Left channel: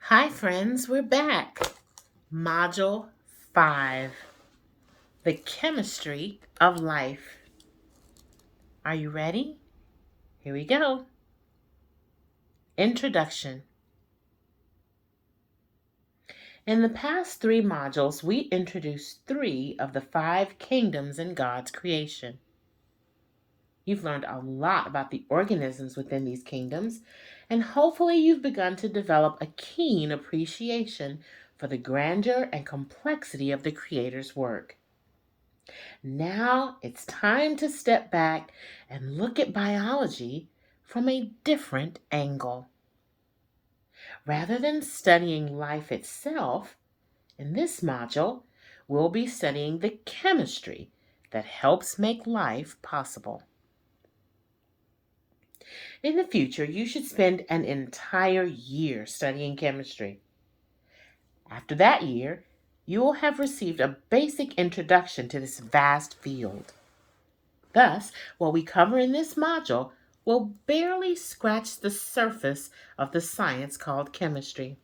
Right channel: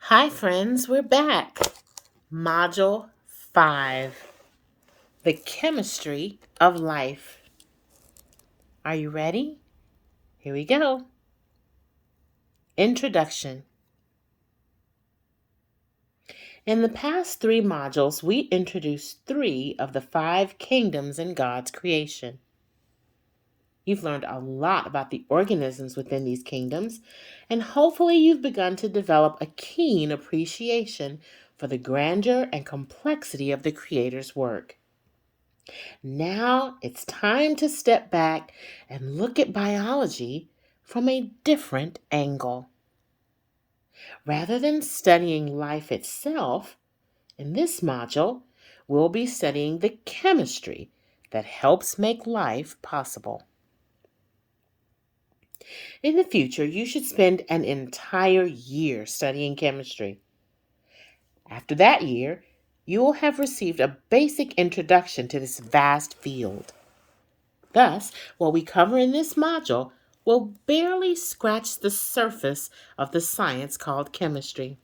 Hi, friends, we're back. Module 5 The Chemistry of Life. Are you ready? Here we go. Introduction. In the past 3 modules, we introduced 3 of the 5 kingdoms in God's creation. You've learned a lot about the organisms within these kingdoms, and hopefully you've begun to develop a keen appreciation for the grandeur and complexity of the Creator's work. Now it's time to step back and look at biology from a different angle. Rather than studying life itself, in this module, we'll be studying the chemistry that helps make life possible. In the future, you should spend an entire year studying chemistry. After that year, you will have received a basic introduction to this vast field. Thus, what we cover in this module will barely scratch the surface of the science called chemistry.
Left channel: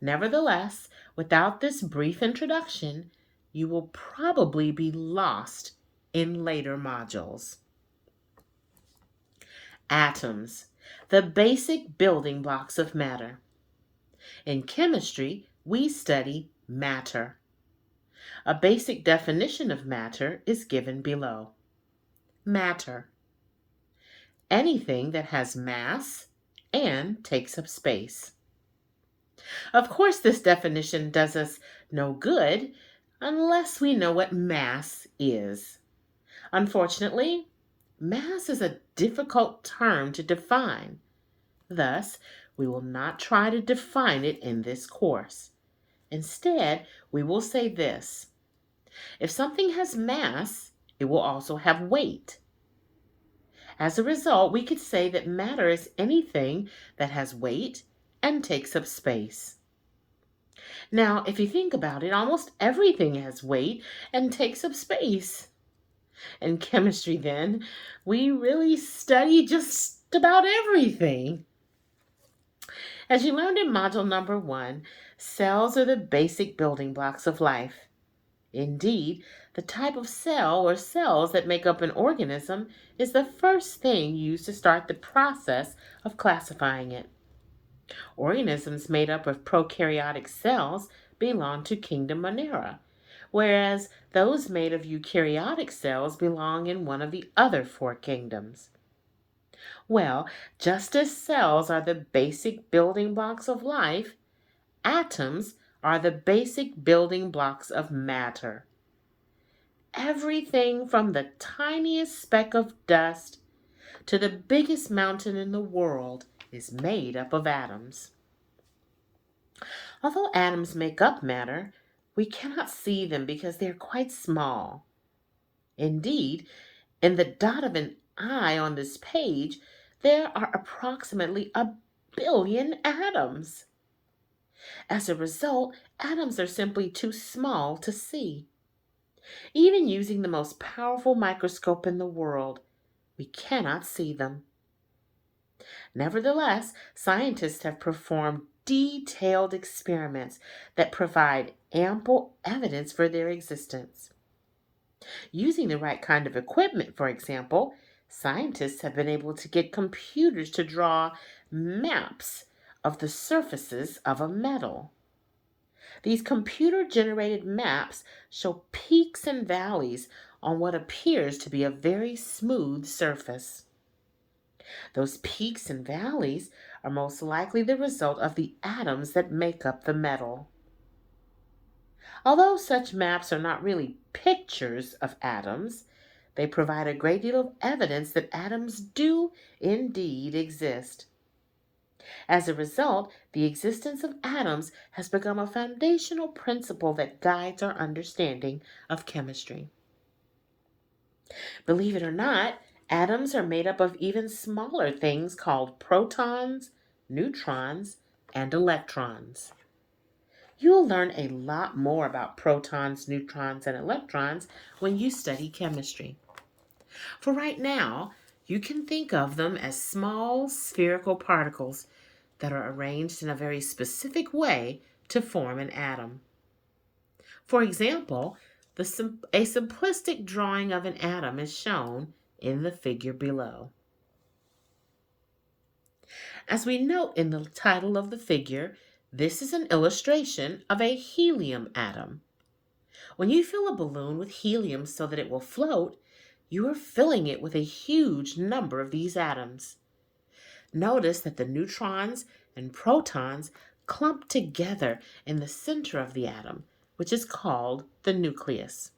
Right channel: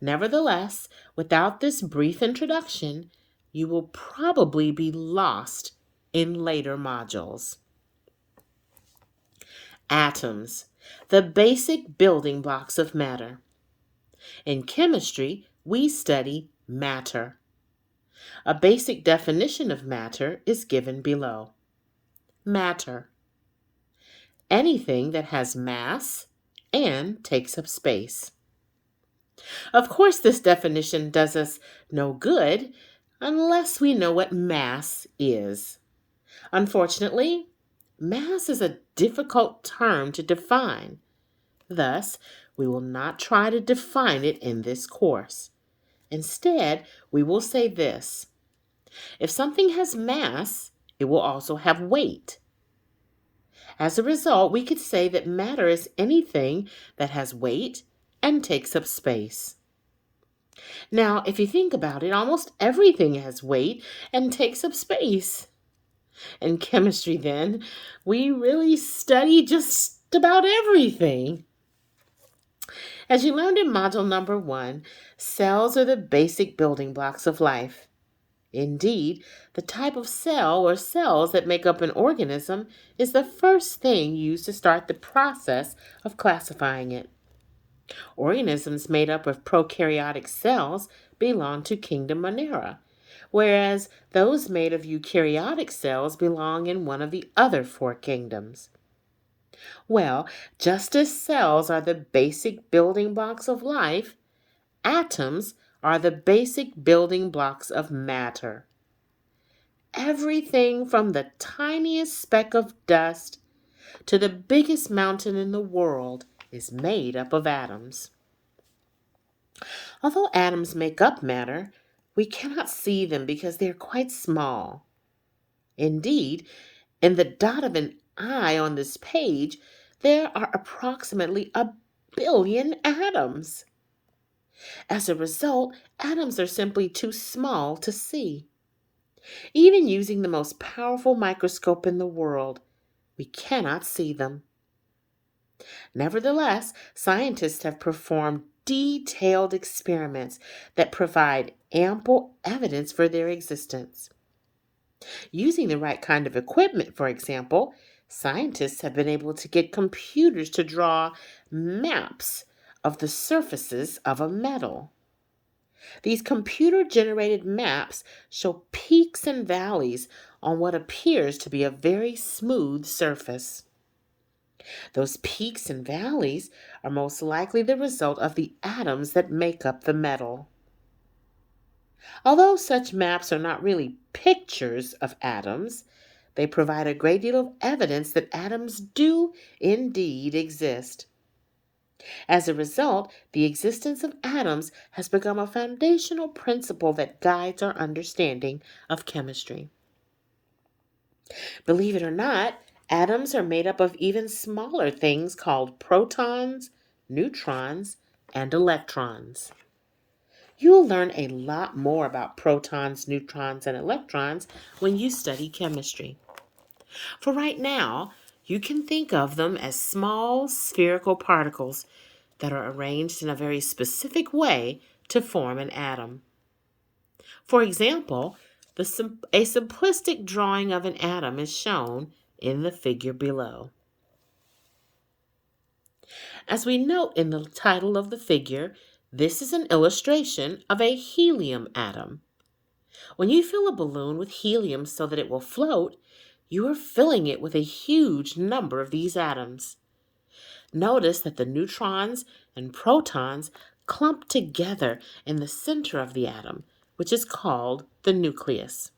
Nevertheless, without this brief introduction, you will probably be lost in later modules. Atoms, the basic building blocks of matter. In chemistry, we study matter. A basic definition of matter is given below. Matter: anything that has mass and takes up space. Of course, this definition does us no good unless we know what mass is. Unfortunately, mass is a difficult term to define. Thus, we will not try to define it in this course. Instead, we will say this: if something has mass, it will also have weight. As a result, we could say that matter is anything that has weight and takes up space. Now, if you think about it, almost everything has weight and takes up space. In chemistry, then, we really study just about everything. As you learned in module number 1, cells are the basic building blocks of life. Indeed, the type of cell or cells that make up an organism is the first thing used to start the process of classifying it. Organisms made up of prokaryotic cells belong to kingdom Monera, whereas those made of eukaryotic cells belong in one of the other 4 kingdoms. Well, just as cells are the basic building blocks of life, atoms are the basic building blocks of matter. Everything from the tiniest speck of dust to the biggest mountain in the world is made up of atoms. Although atoms make up matter, we cannot see them because they are quite small. Indeed, in the dot of an eye on this page, there are approximately 1 billion atoms. As a result, atoms are simply too small to see. Even using the most powerful microscope in the world, we cannot see them. Nevertheless, scientists have performed detailed experiments that provide ample evidence for their existence. Using the right kind of equipment, for example, scientists have been able to get computers to draw maps of the surfaces of a metal. These computer-generated maps show peaks and valleys on what appears to be a very smooth surface. Those peaks and valleys are most likely the result of the atoms that make up the metal. Although such maps are not really pictures of atoms, they provide a great deal of evidence that atoms do indeed exist. As a result, the existence of atoms has become a foundational principle that guides our understanding of chemistry. Believe it or not, atoms are made up of even smaller things called protons, neutrons, and electrons. You will learn a lot more about protons, neutrons, and electrons when you study chemistry. For right now, you can think of them as small spherical particles that are arranged in a very specific way to form an atom. For example, a simplistic drawing of an atom is shown in the figure below. As we note in the title of the figure, this is an illustration of a helium atom. When you fill a balloon with helium so that it will float, you are filling it with a huge number of these atoms. Notice that the neutrons and protons clump together in the center of the atom, which is called the nucleus.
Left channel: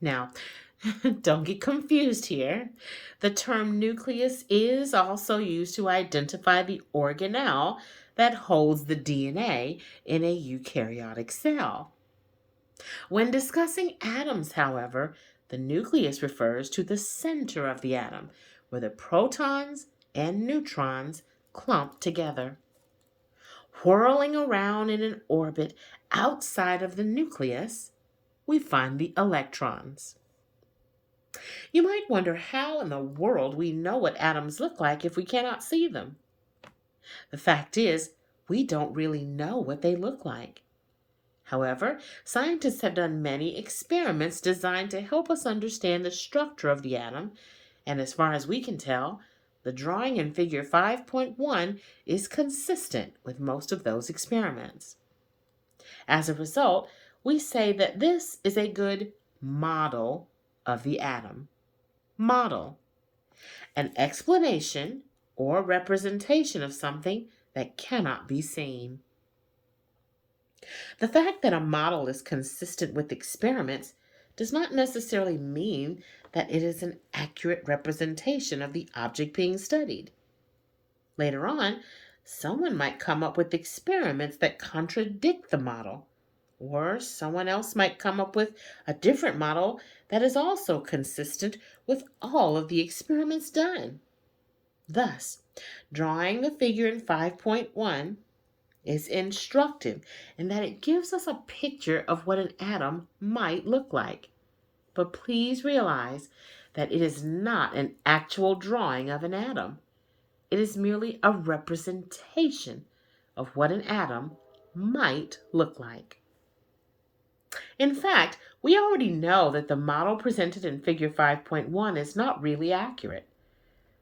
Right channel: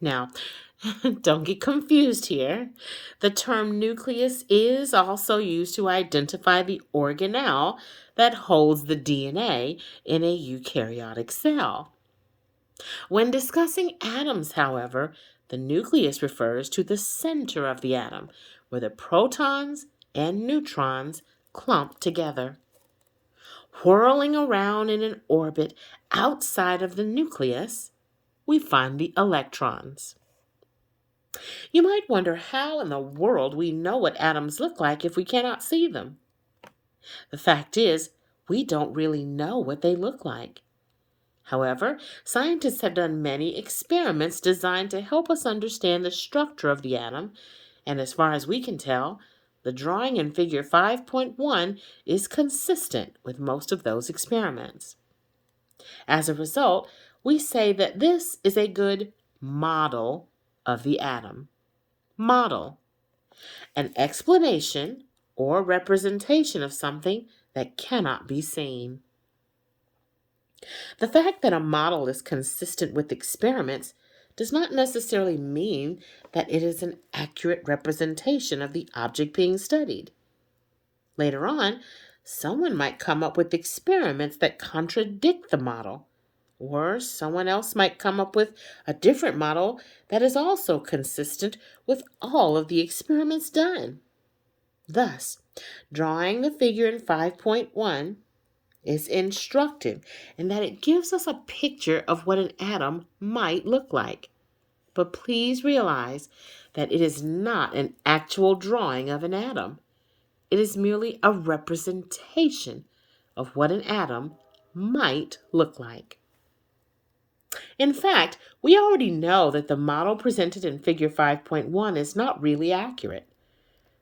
Now, don't get confused here. The term nucleus is also used to identify the organelle that holds the DNA in a eukaryotic cell. When discussing atoms, however, the nucleus refers to the center of the atom, where the protons and neutrons clump together. Whirling around in an orbit outside of the nucleus, we find the electrons. You might wonder how in the world we know what atoms look like if we cannot see them. The fact is, we don't really know what they look like. However, scientists have done many experiments designed to help us understand the structure of the atom, and as far as we can tell, the drawing in figure 5.1 is consistent with most of those experiments. As a result, we say that this is a good model of the atom. Model, an explanation or representation of something that cannot be seen. The fact that a model is consistent with experiments does not necessarily mean that it is an accurate representation of the object being studied. Later on, someone might come up with experiments that contradict the model, or someone else might come up with a different model that is also consistent with all of the experiments done. Thus, drawing the figure in 5.1 is instructive in that it gives us a picture of what an atom might look like. But please realize that it is not an actual drawing of an atom. It is merely a representation of what an atom might look like. In fact, we already know that the model presented in figure 5.1 is not really accurate.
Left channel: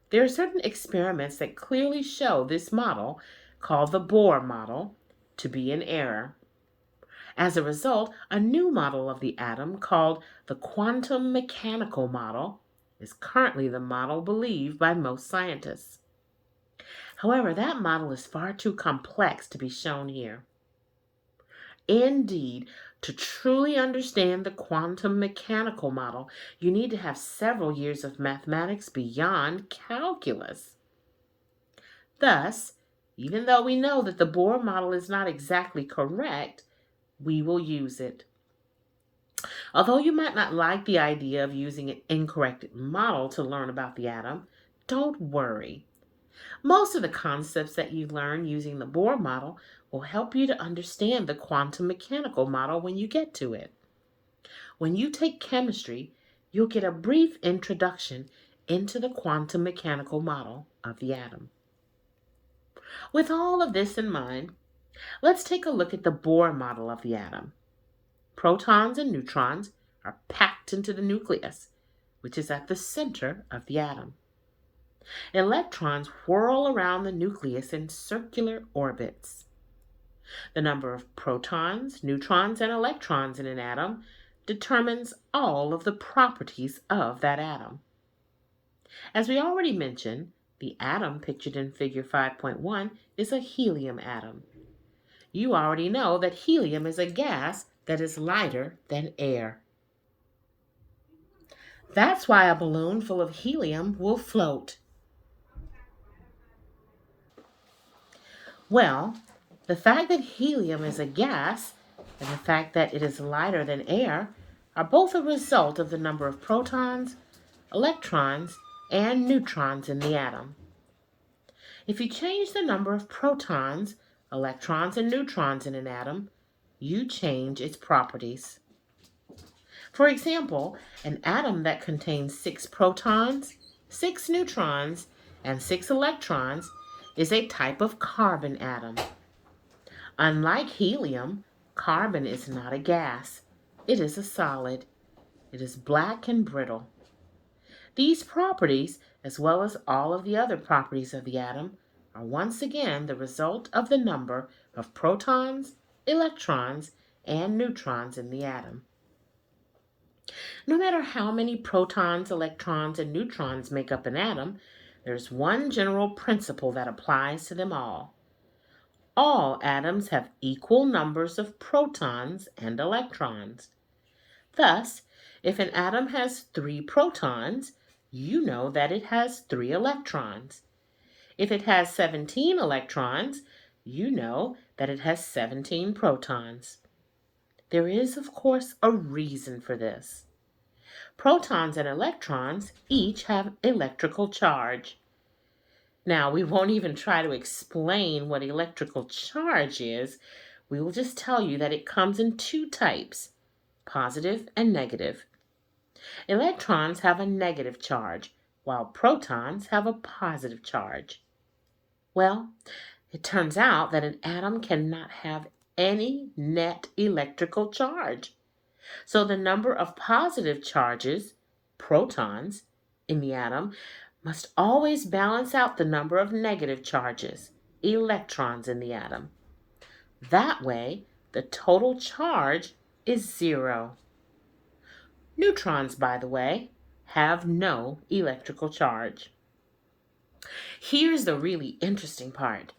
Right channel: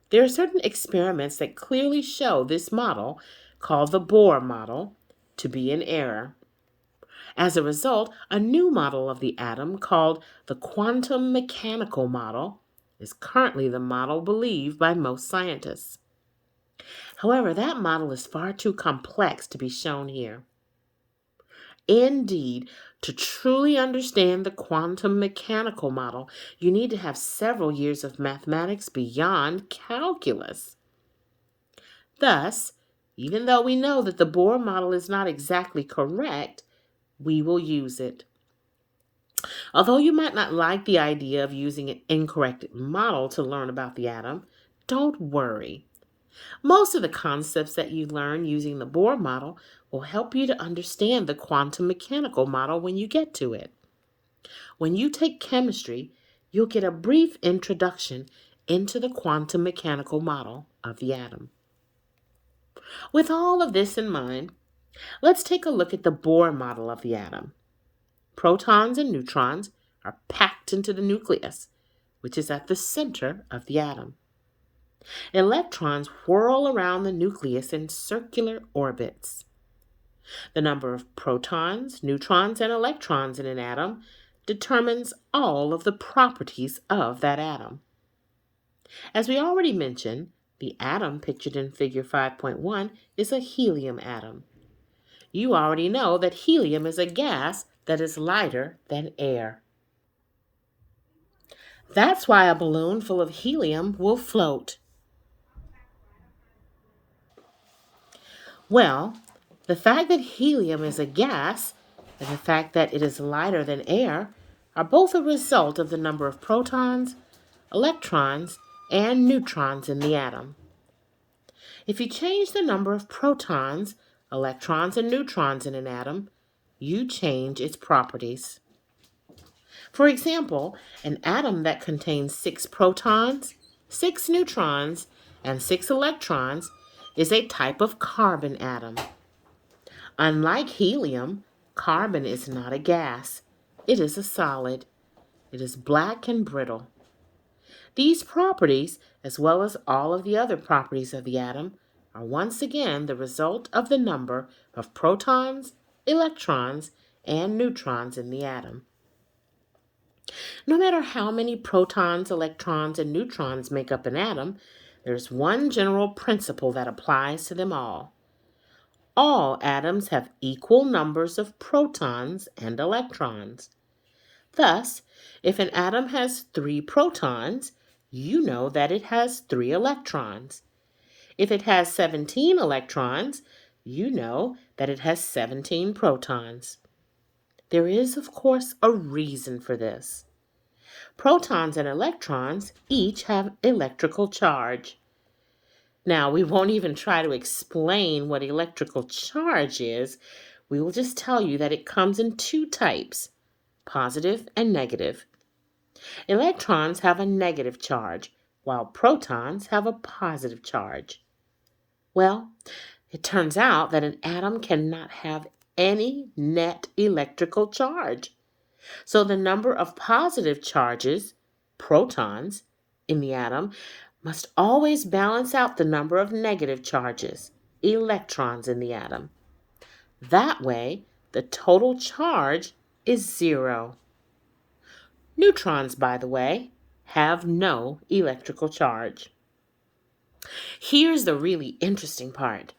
There are certain experiments that clearly show this model, called the Bohr model, to be in error. As a result, a new model of the atom called the quantum mechanical model is currently the model believed by most scientists. However, that model is far too complex to be shown here. Indeed, to truly understand the quantum mechanical model, you need to have several years of mathematics beyond calculus. Thus, even though we know that the Bohr model is not exactly correct, we will use it. Although you might not like the idea of using an incorrect model to learn about the atom, don't worry. Most of the concepts that you learn using the Bohr model will help you to understand the quantum mechanical model when you get to it. When you take chemistry, you'll get a brief introduction into the quantum mechanical model of the atom. With all of this in mind, let's take a look at the Bohr model of the atom. Protons and neutrons are packed into the nucleus, which is at the center of the atom. Electrons whirl around the nucleus in circular orbits. The number of protons, neutrons, and electrons in an atom determines all of the properties of that atom. As we already mentioned, the atom pictured in figure 5.1 is a helium atom. You already know that helium is a gas that is lighter than air. That's why a balloon full of helium will float. Well, the fact that helium is a gas and the fact that it is lighter than air are both a result of the number of protons, electrons, and neutrons in the atom. If you change the number of protons, electrons, and neutrons in an atom, you change its properties. For example, an atom that contains 6 protons, 6 neutrons, and 6 electrons is a type of carbon atom. Unlike helium, carbon is not a gas. It is a solid. It is black and brittle. These properties, as well as all of the other properties of the atom, are once again the result of the number of protons, electrons, and neutrons in the atom. No matter how many protons, electrons, and neutrons make up an atom, there's one general principle that applies to them all. All atoms have equal numbers of protons and electrons. Thus, if an atom has 3 protons, you know that it has 3 electrons. If it has 17 electrons, you know that it has 17 protons. There is, of course, a reason for this. Protons and electrons each have electrical charge. Now, we won't even try to explain what electrical charge is. We will just tell you that it comes in 2 types, positive and negative. Electrons have a negative charge, while protons have a positive charge. Well, it turns out that an atom cannot have any net electrical charge. So the number of positive charges, protons, in the atom must always balance out the number of negative charges, electrons, in the atom. That way, the total charge is 0. Neutrons, by the way, have no electrical charge. Here's the really interesting part.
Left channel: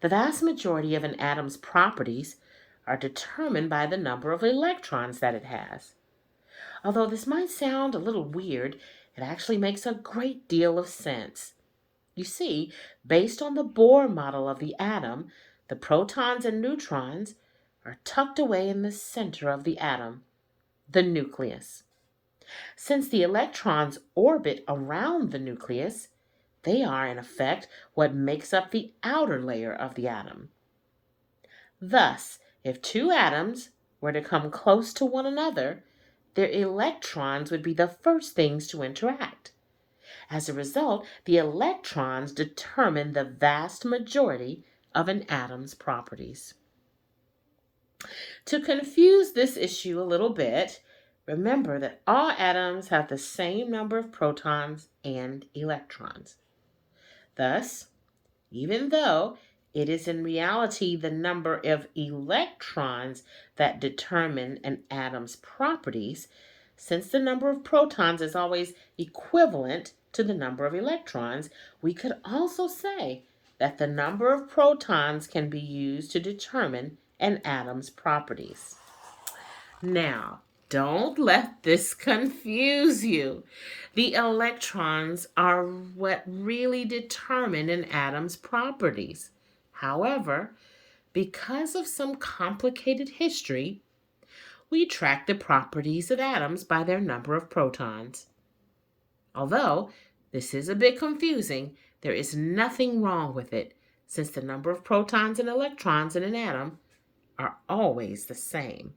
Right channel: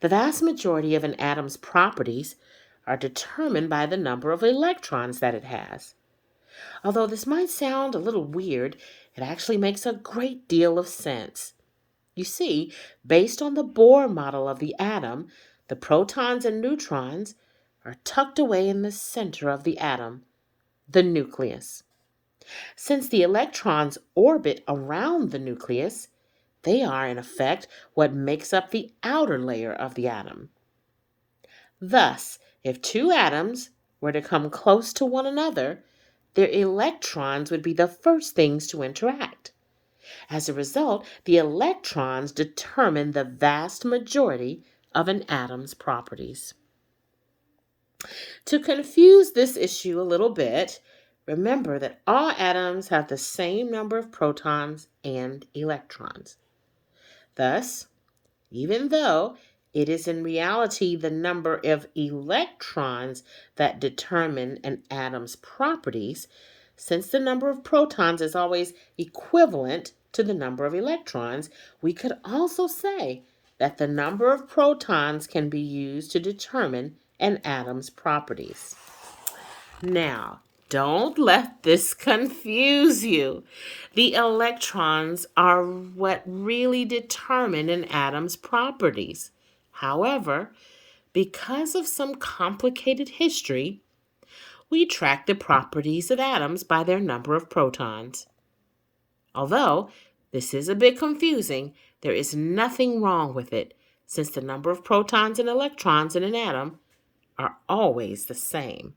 The vast majority of an atom's properties are determined by the number of electrons that it has. Although this might sound a little weird, it actually makes a great deal of sense. You see, based on the Bohr model of the atom, the protons and neutrons are tucked away in the center of the atom, the nucleus. Since the electrons orbit around the nucleus, they are, in effect, what makes up the outer layer of the atom. Thus, if 2 atoms were to come close to one another, their electrons would be the first things to interact. As a result, the electrons determine the vast majority of an atom's properties. To confuse this issue a little bit, remember that all atoms have the same number of protons and electrons. Thus, even though it is in reality the number of electrons that determine an atom's properties, since the number of protons is always equivalent to the number of electrons, we could also say that the number of protons can be used to determine an atom's properties. Now, don't let this confuse you. The electrons are what really determine an atom's properties. However, because of some complicated history, we track the properties of atoms by their number of protons. Although this is a bit confusing, there is nothing wrong with it, since the number of protons and electrons in an atom are always the same.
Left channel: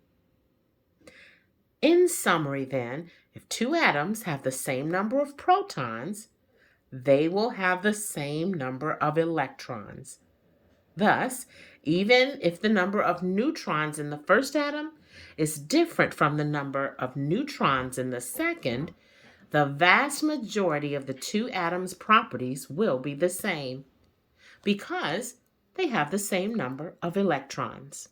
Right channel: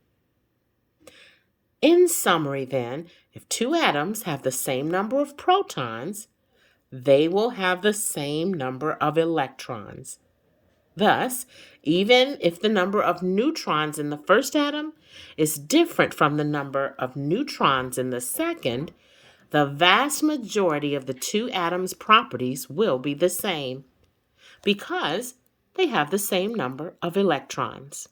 In summary, then, if 2 atoms have the same number of protons, they will have the same number of electrons. Thus, even if the number of neutrons in the first atom is different from the number of neutrons in the second, the vast majority of the 2 atoms' properties will be the same, because they have the same number of electrons.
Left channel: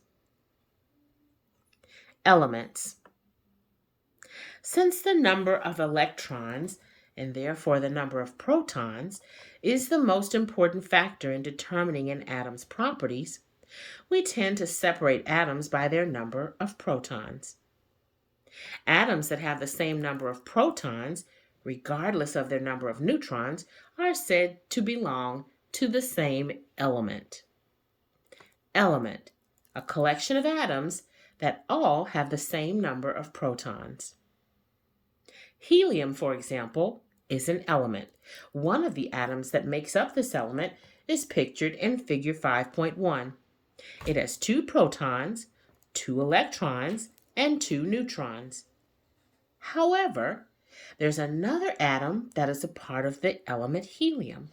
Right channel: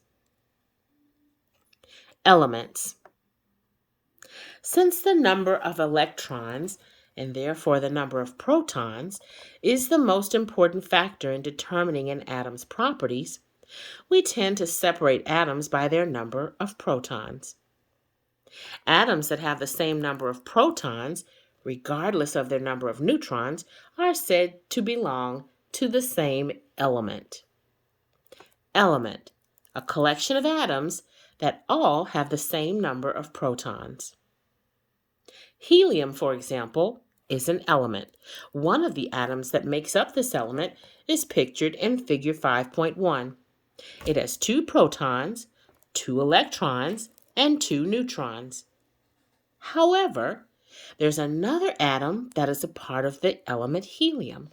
Elements. Since the number of electrons, and therefore the number of protons, is the most important factor in determining an atom's properties, we tend to separate atoms by their number of protons. Atoms that have the same number of protons, regardless of their number of neutrons, are said to belong to the same element. Element, a collection of atoms that all have the same number of protons. Helium, for example, is an element. One of the atoms that makes up this element is pictured in figure 5.1. It has 2 protons, 2 electrons, and 2 neutrons. However, there's another atom that is a part of the element helium.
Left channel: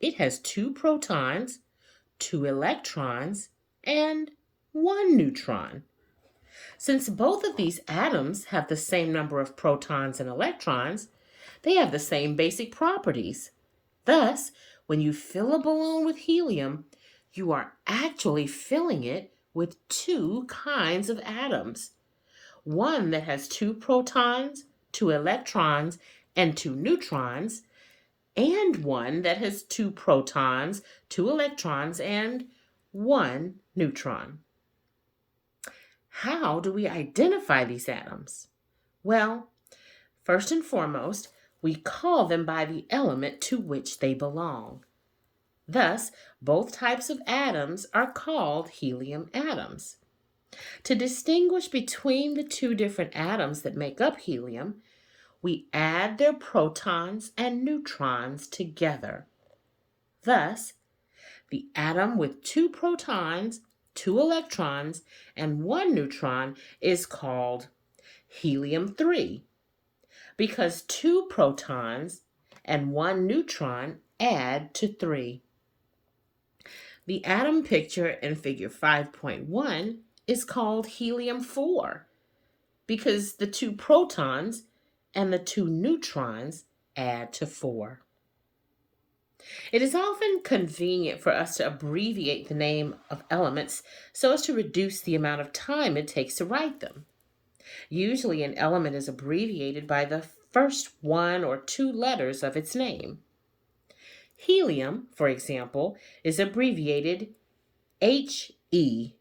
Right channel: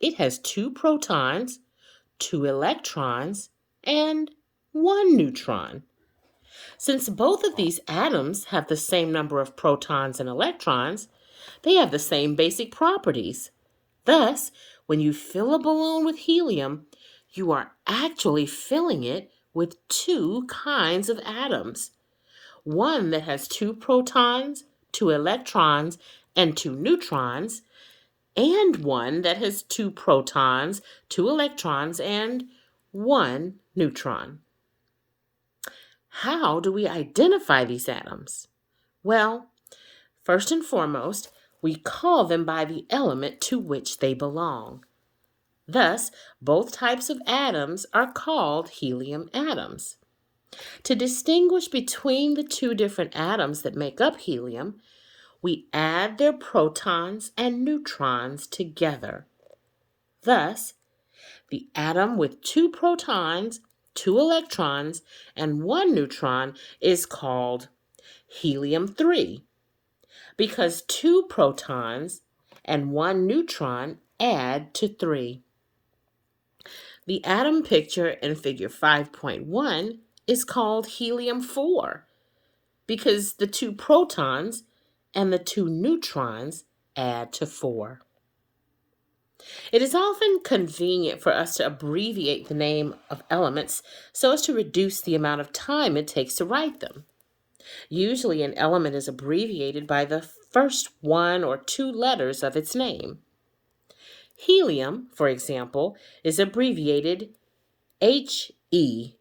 It has 2 protons, 2 electrons, and 1 neutron. Since both of these atoms have the same number of protons and electrons, they have the same basic properties. Thus, when you fill a balloon with helium, you are actually filling it with 2 kinds of atoms. One that has 2 protons, 2 electrons, and 2 neutrons, and one that has 2 protons, 2 electrons, and 1 neutron. How do we identify these atoms? Well, first and foremost, we call them by the element to which they belong. Thus, both types of atoms are called helium atoms. To distinguish between the 2 different atoms that make up helium, we add their protons and neutrons together. Thus, the atom with 2 protons, 2 electrons, and 1 neutron is called helium-3 because 2 protons and 1 neutron add to 3. The atom picture in figure 5.1 is called helium-4 because the 2 protons and the 2 neutrons add to 4. It is often convenient for us to abbreviate the name of elements so as to reduce the amount of time it takes to write them. Usually, an element is abbreviated by the first 1 or 2 letters of its name. Helium, for example, is abbreviated He,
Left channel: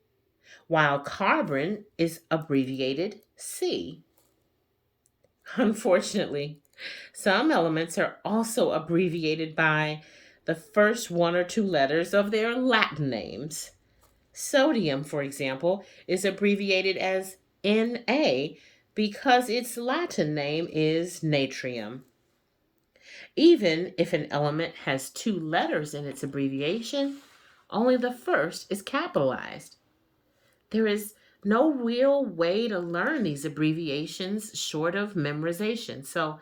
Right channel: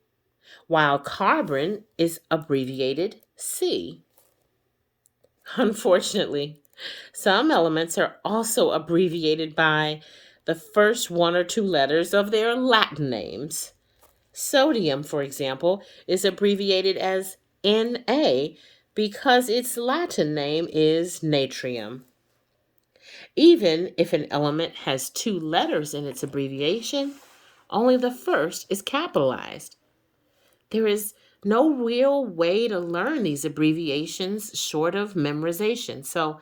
while carbon is abbreviated C. Unfortunately, some elements are also abbreviated by the first 1 or 2 letters of their Latin names. Sodium, for example, is abbreviated as Na because its Latin name is natrium. Even if an element has 2 letters in its abbreviation, only the first is capitalized. There is no real way to learn these abbreviations short of memorization, so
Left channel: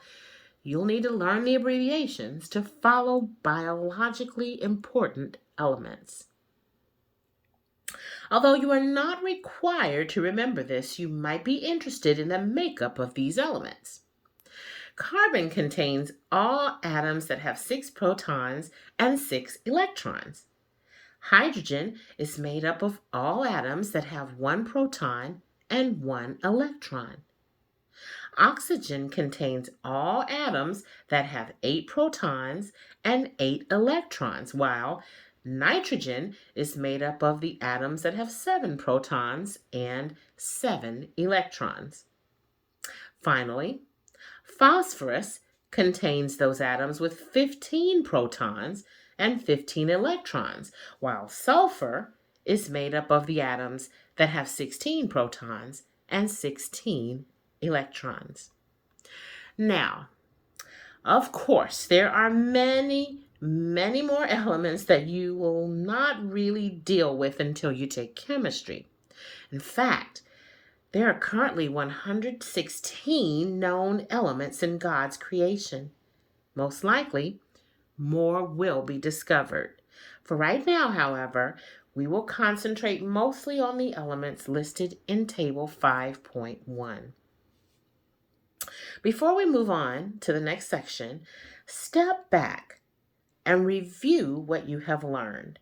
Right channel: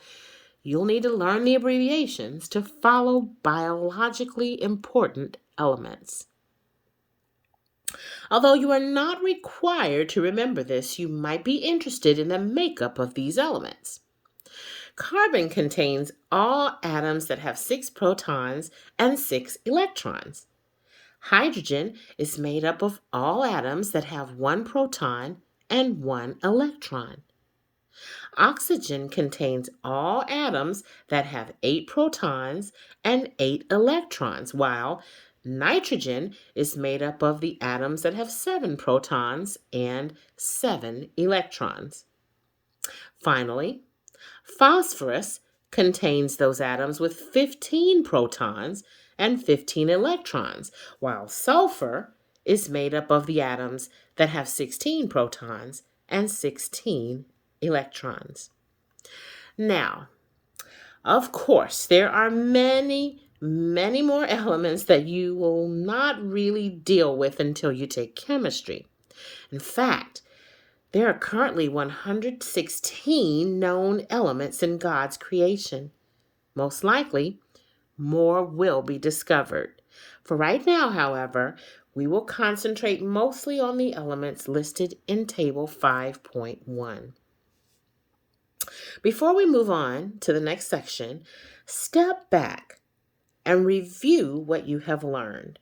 you'll need to learn the abbreviations to follow biologically important elements. Although you are not required to remember this, you might be interested in the makeup of these elements. Carbon contains all atoms that have 6 protons and 6 electrons. Hydrogen is made up of all atoms that have 1 proton and 1 electron. Oxygen contains all atoms that have 8 protons and 8 electrons, while nitrogen is made up of the atoms that have 7 protons and 7 electrons. Finally, phosphorus contains those atoms with 15 protons and 15 electrons, while sulfur is made up of the atoms that have 16 protons and 16 electrons. Now, of course, there are many, many more elements that you will not really deal with until you take chemistry. In fact, there are currently 116 known elements in God's creation. Most likely, more will be discovered. For right now, however, we will concentrate mostly on the elements listed in Table 5.1. Before we move on to the next section, step back and review what you have learned.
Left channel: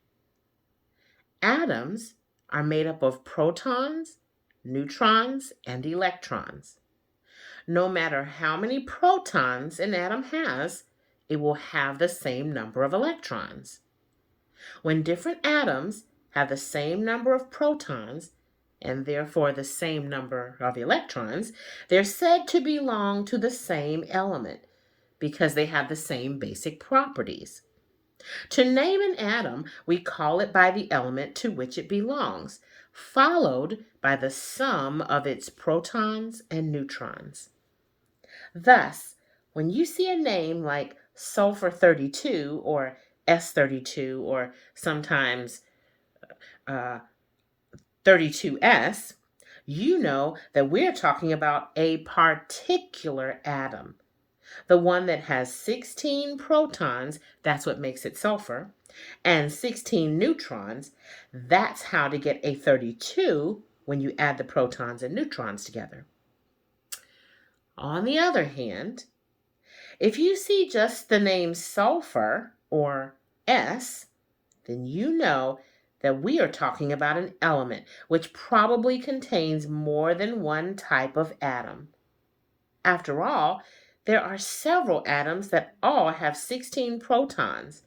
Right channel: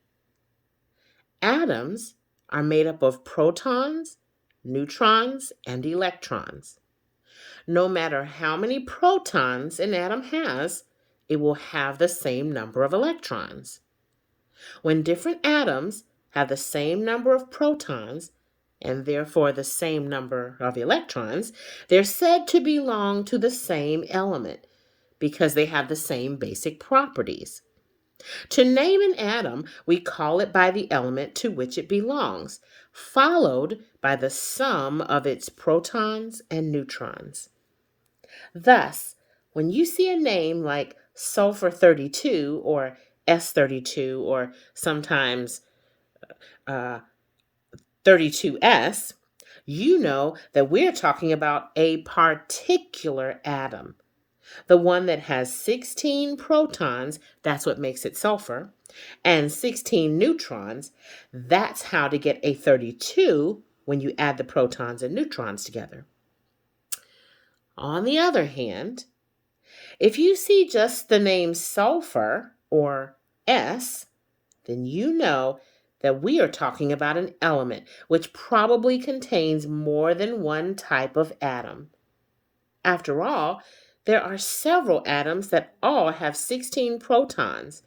Atoms are made up of protons, neutrons, and electrons. No matter how many protons an atom has, it will have the same number of electrons. When different atoms have the same number of protons and therefore the same number of electrons, they're said to belong to the same element because they have the same basic properties. To name an atom, we call it by the element to which it belongs, followed by the sum of its protons and neutrons. Thus, when you see a name like sulfur 32 or S32 or sometimes 32S, you know that we're talking about a particular atom. The one that has 16 protons, that's what makes it sulfur, and 16 neutrons, that's how to get a 32 when you add the protons and neutrons together. On the other hand, if you see just the name sulfur or S, then you know that we are talking about an element which probably contains more than one type of atom. After all, there are several atoms that all have 16 protons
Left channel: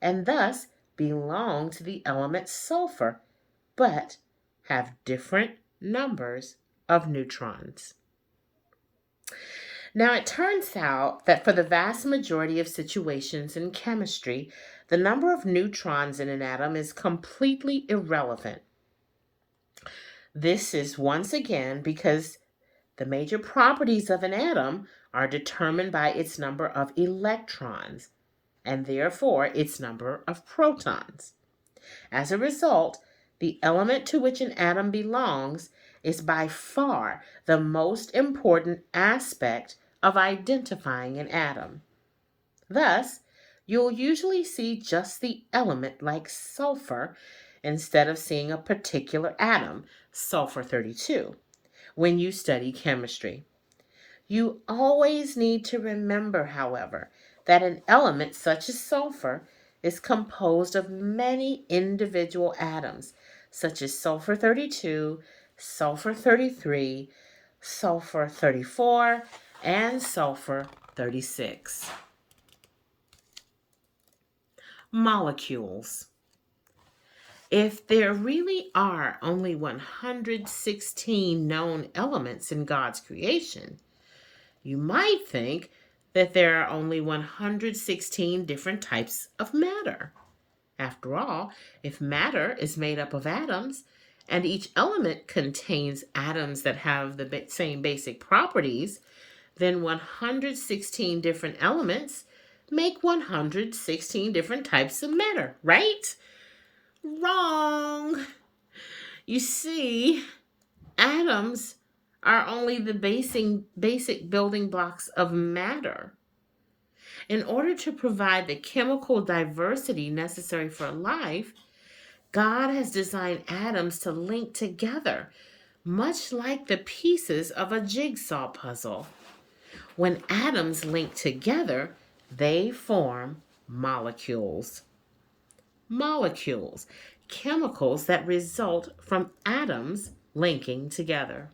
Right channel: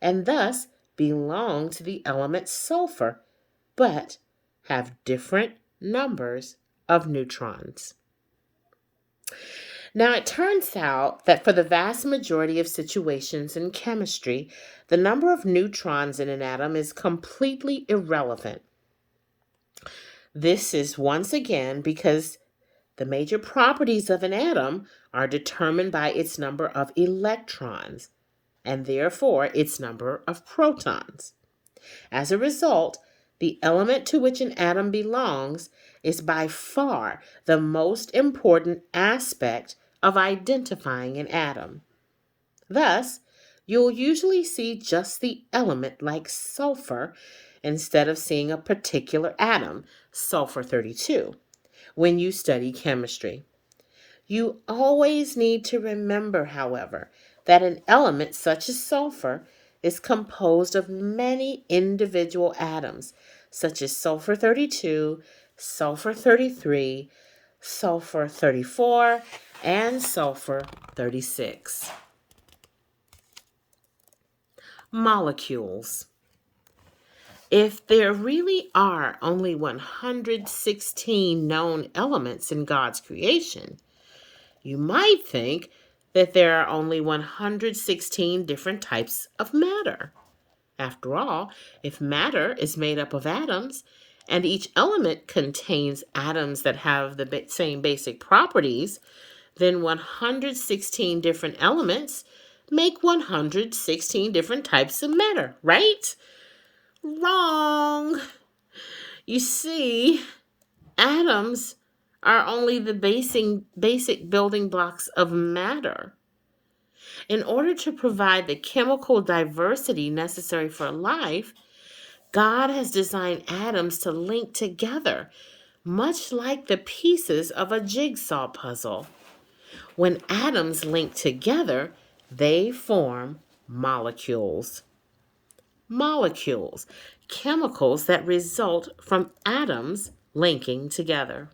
and thus belong to the element sulfur, but have different numbers of neutrons. Now, it turns out that for the vast majority of situations in chemistry, the number of neutrons in an atom is completely irrelevant. This is once again because the major properties of an atom are determined by its number of electrons and therefore its number of protons. As a result, the element to which an atom belongs is by far the most important aspect of identifying an atom. Thus, you'll usually see just the element like sulfur instead of seeing a particular atom, sulfur 32, when you study chemistry. You always need to remember, however, that an element such as sulfur is composed of many individual atoms, such as sulfur 32, sulfur 33, sulfur 34, and sulfur 36. Molecules. If there really are only 116 known elements in God's creation, you might think that there are only 116 different types of matter. After all, if matter is made up of atoms, and each element contains atoms that have the same basic properties, then 116 different elements make 116 different types of matter, right? Wrong. You see, atoms are only the basic building blocks of matter. In order to provide the chemical diversity necessary for life, God has designed atoms to link together, much like the pieces of a jigsaw puzzle. When atoms link together, they form molecules. Molecules, chemicals that result from atoms linking together.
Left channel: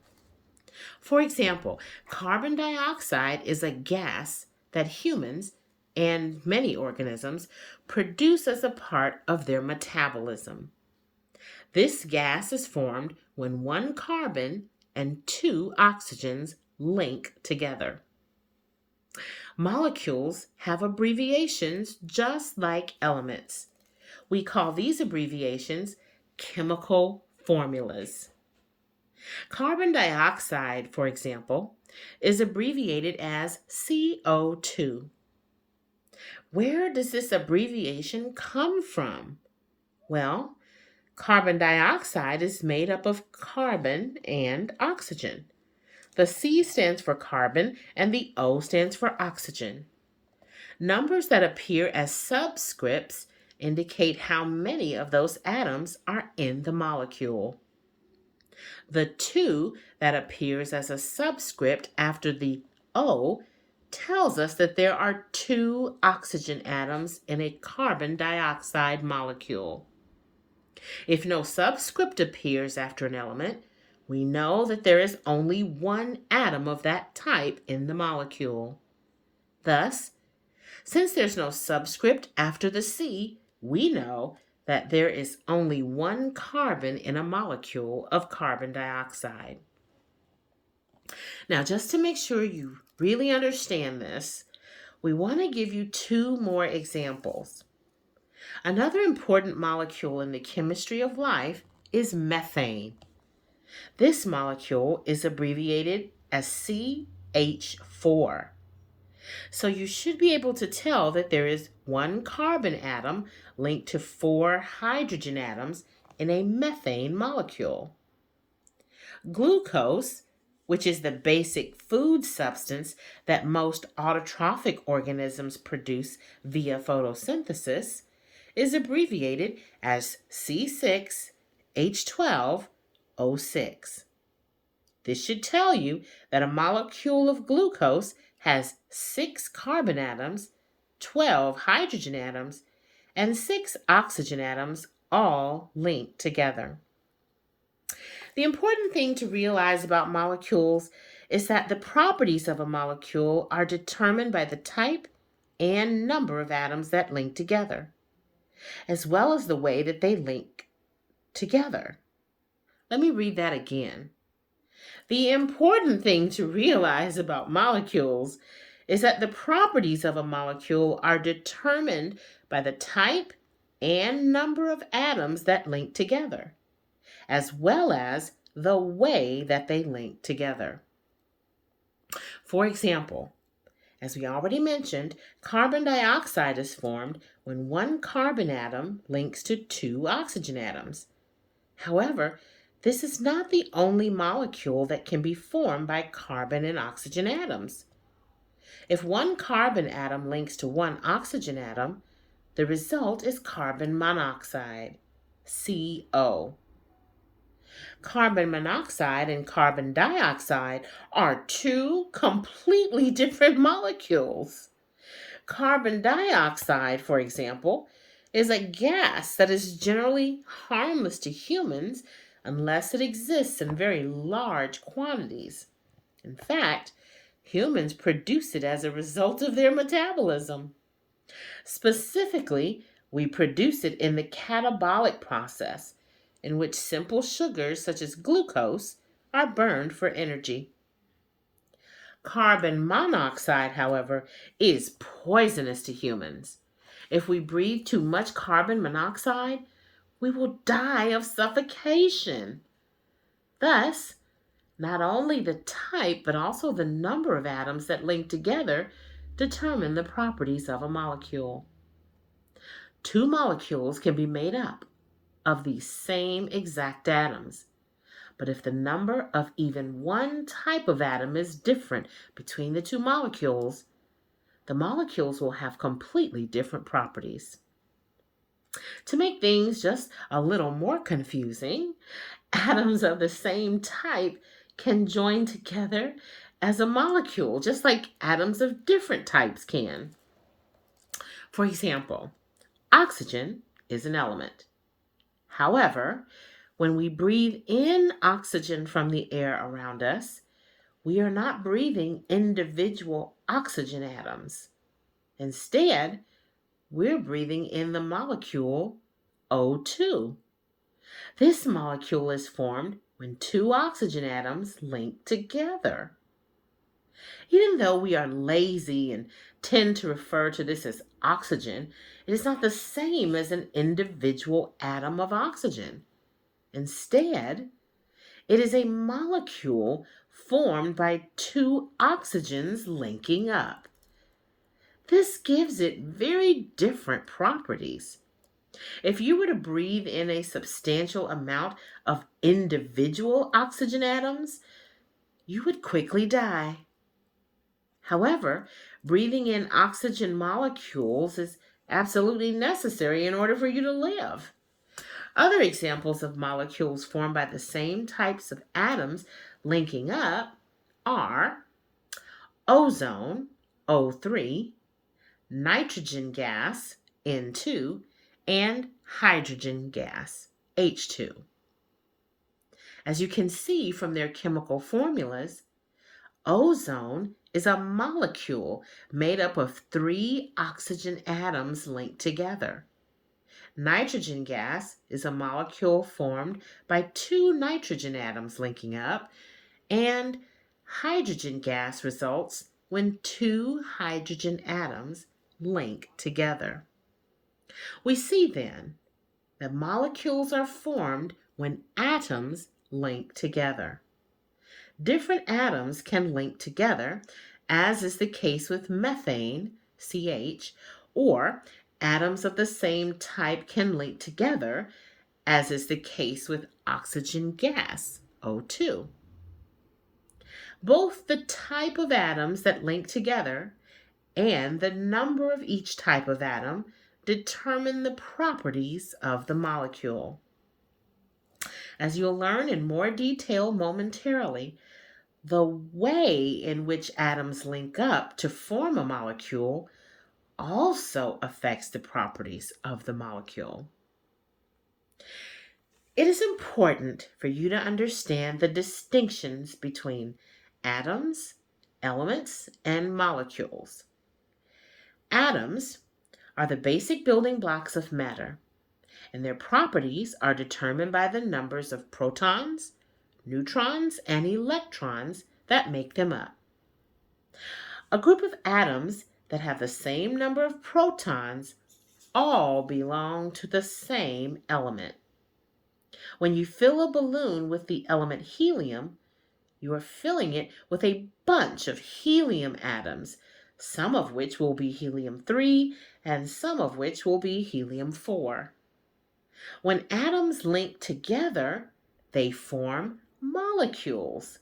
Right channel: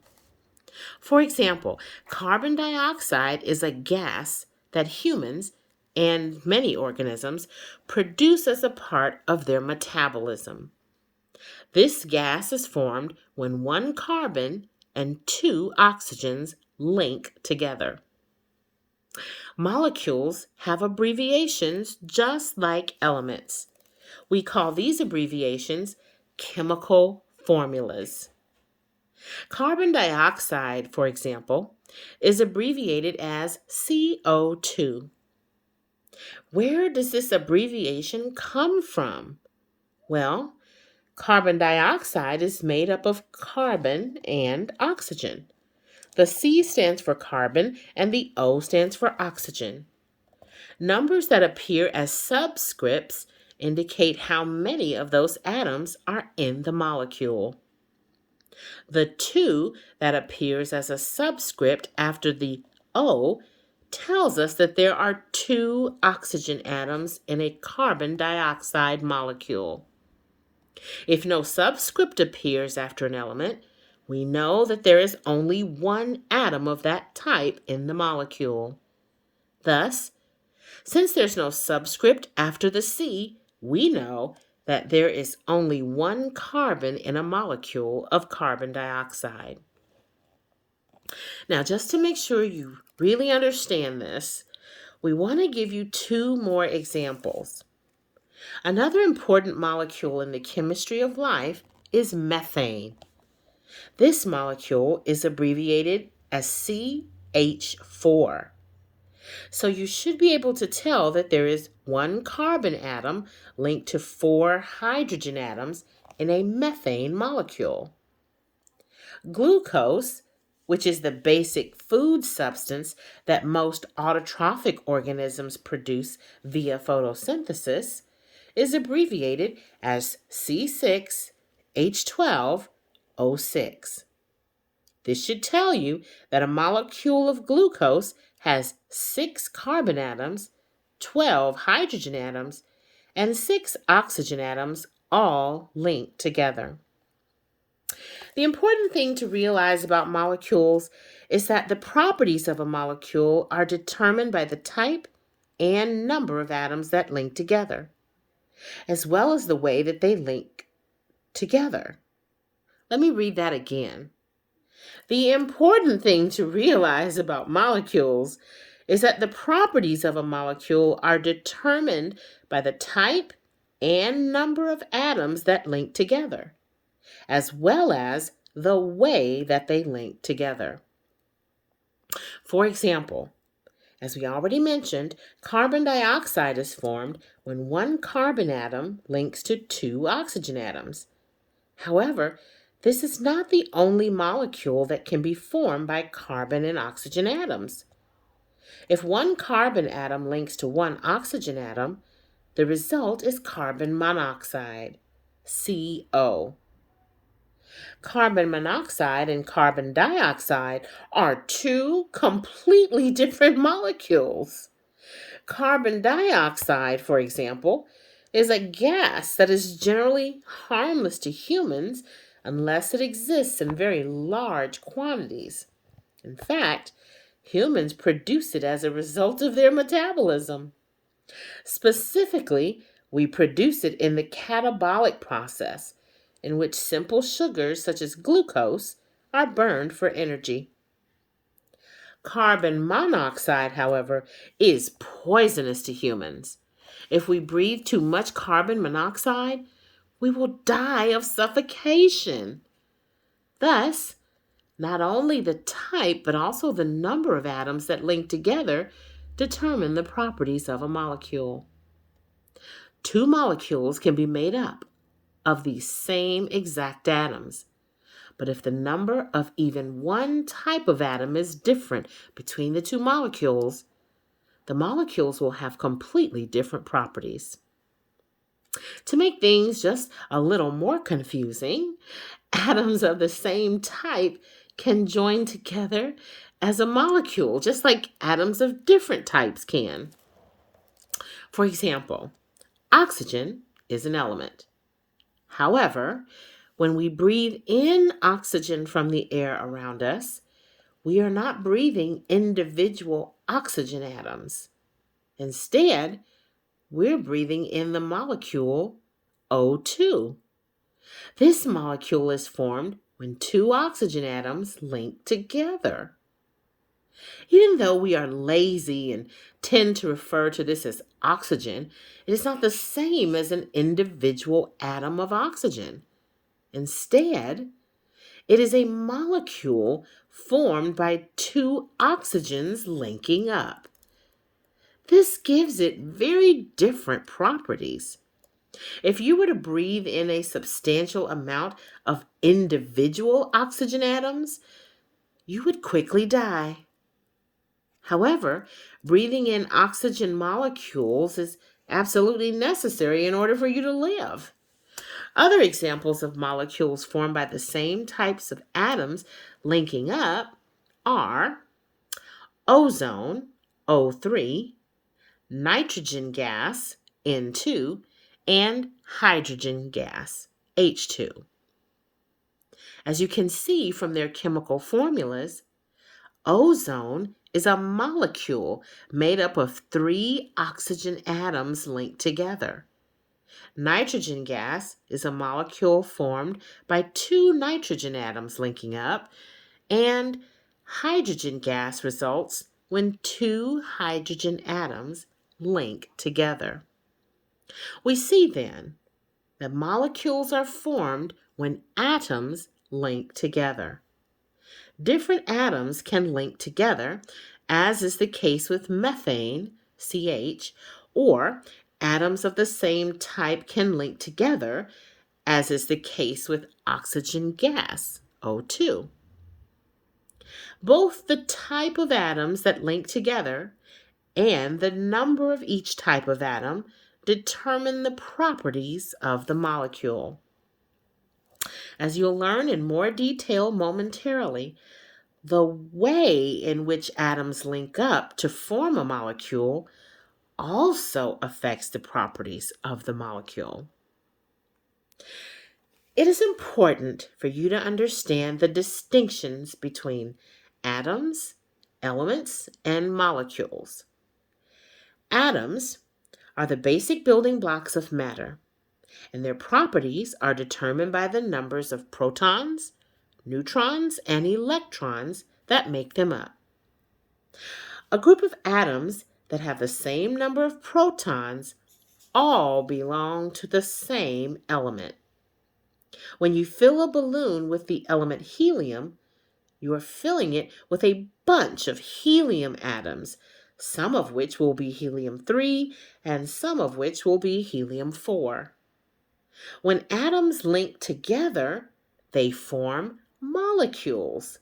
For example, carbon dioxide is a gas that humans and many organisms produce as a part of their metabolism. This gas is formed when one carbon and two oxygens link together. Molecules have abbreviations just like elements. We call these abbreviations chemical formulas. Carbon dioxide, for example, is abbreviated as CO2. Where does this abbreviation come from? Well, carbon dioxide is made up of carbon and oxygen. The C stands for carbon and the O stands for oxygen. Numbers that appear as subscripts indicate how many of those atoms are in the molecule. The 2 that appears as a subscript after the O tells us that there are 2 oxygen atoms in a carbon dioxide molecule. If no subscript appears after an element, we know that there is only one atom of that type in the molecule. Thus, since there's no subscript after the C, we know that there is only one carbon in a molecule of carbon dioxide. Now, just to make sure you really understand this, we want to give you 2 more examples. Another important molecule in the chemistry of life is methane. This molecule is abbreviated as CH4. So you should be able to tell that there is one carbon atom linked to 4 hydrogen atoms in a methane molecule. Glucose which is the basic food substance that most autotrophic organisms produce via photosynthesis, is abbreviated as C6H12O6. This should tell you that a molecule of glucose has 6 carbon atoms, 12 hydrogen atoms, and 6 oxygen atoms, all linked together. The important thing to realize about molecules is that the properties of a molecule are determined by the type and number of atoms that link together, as well as the way that they link together. Let me read that again. The important thing to realize about molecules is that the properties of a molecule are determined by the type and number of atoms that link together, as well as the way that they link together. For example, as we already mentioned, carbon dioxide is formed when one carbon atom links to 2 oxygen atoms. However, this is not the only molecule that can be formed by carbon and oxygen atoms. If one carbon atom links to one oxygen atom, the result is carbon monoxide, CO. Carbon monoxide and carbon dioxide are 2 completely different molecules. Carbon dioxide, for example, is a gas that is generally harmless to humans unless it exists in very large quantities. In fact, humans produce it as a result of their metabolism. Specifically, we produce it in the catabolic process, in which simple sugars such as glucose are burned for energy. Carbon monoxide, however, is poisonous to humans. If we breathe too much carbon monoxide, we will die of suffocation. Thus, not only the type but also the number of atoms that link together determine the properties of a molecule. 2 molecules can be made up of the same exact atoms. But if the number of even one type of atom is different between the 2 molecules, the molecules will have completely different properties. To make things just a little more confusing, atoms of the same type can join together as a molecule, just like atoms of different types can. For example, oxygen is an element. However, when we breathe in oxygen from the air around us, we are not breathing individual oxygen atoms. Instead, we're breathing in the molecule O2. This molecule is formed when 2 oxygen atoms link together. Even though we are lazy and tend to refer to this as oxygen, it is not the same as an individual atom of oxygen. Instead, it is a molecule formed by 2 oxygens linking up. This gives it very different properties. If you were to breathe in a substantial amount of individual oxygen atoms, you would quickly die. However, breathing in oxygen molecules is absolutely necessary in order for you to live. Other examples of molecules formed by the same types of atoms linking up are ozone, O3, nitrogen gas, N2, and hydrogen gas, H2. As you can see from their chemical formulas, ozone is a molecule made up of 3 oxygen atoms linked together. Nitrogen gas is a molecule formed by 2 nitrogen atoms linking up, and hydrogen gas results when 2 hydrogen atoms link together. We see then that molecules are formed when atoms link together. Different atoms can link together, as is the case with methane, CH, or atoms of the same type can link together, as is the case with oxygen gas, O2. Both the type of atoms that link together and the number of each type of atom determine the properties of the molecule. As you'll learn in more detail momentarily, the way in which atoms link up to form a molecule also affects the properties of the molecule. It is important for you to understand the distinctions between atoms, elements, and molecules. Atoms are the basic building blocks of matter, and their properties are determined by the numbers of protons, neutrons, and electrons that make them up. A group of atoms that have the same number of protons all belong to the same element. When you fill a balloon with the element helium, you are filling it with a bunch of helium atoms, some of which will be helium-3 and some of which will be helium-4. When atoms link together, they form molecules.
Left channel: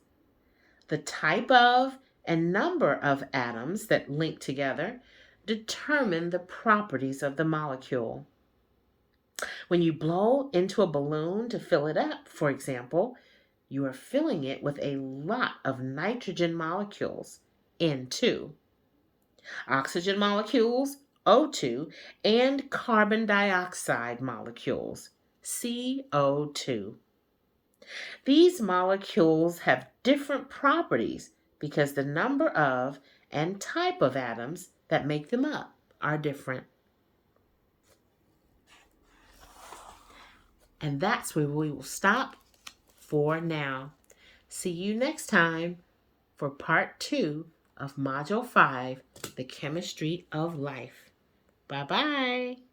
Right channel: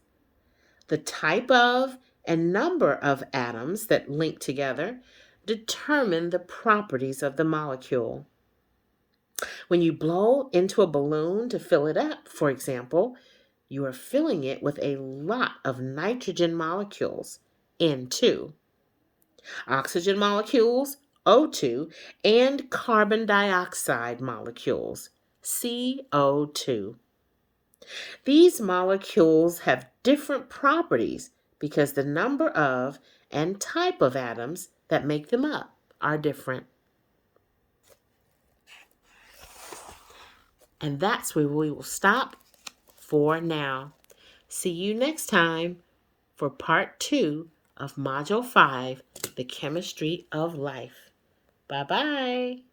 The type of and number of atoms that link together determine the properties of the molecule. When you blow into a balloon to fill it up, for example, you are filling it with a lot of nitrogen molecules, N2, oxygen molecules, O2, and carbon dioxide molecules, CO2. These molecules have different properties because the number of and type of atoms that make them up are different. And that's where we will stop for now. See you next time for part 2 of Module 5, The Chemistry of Life. Bye-bye.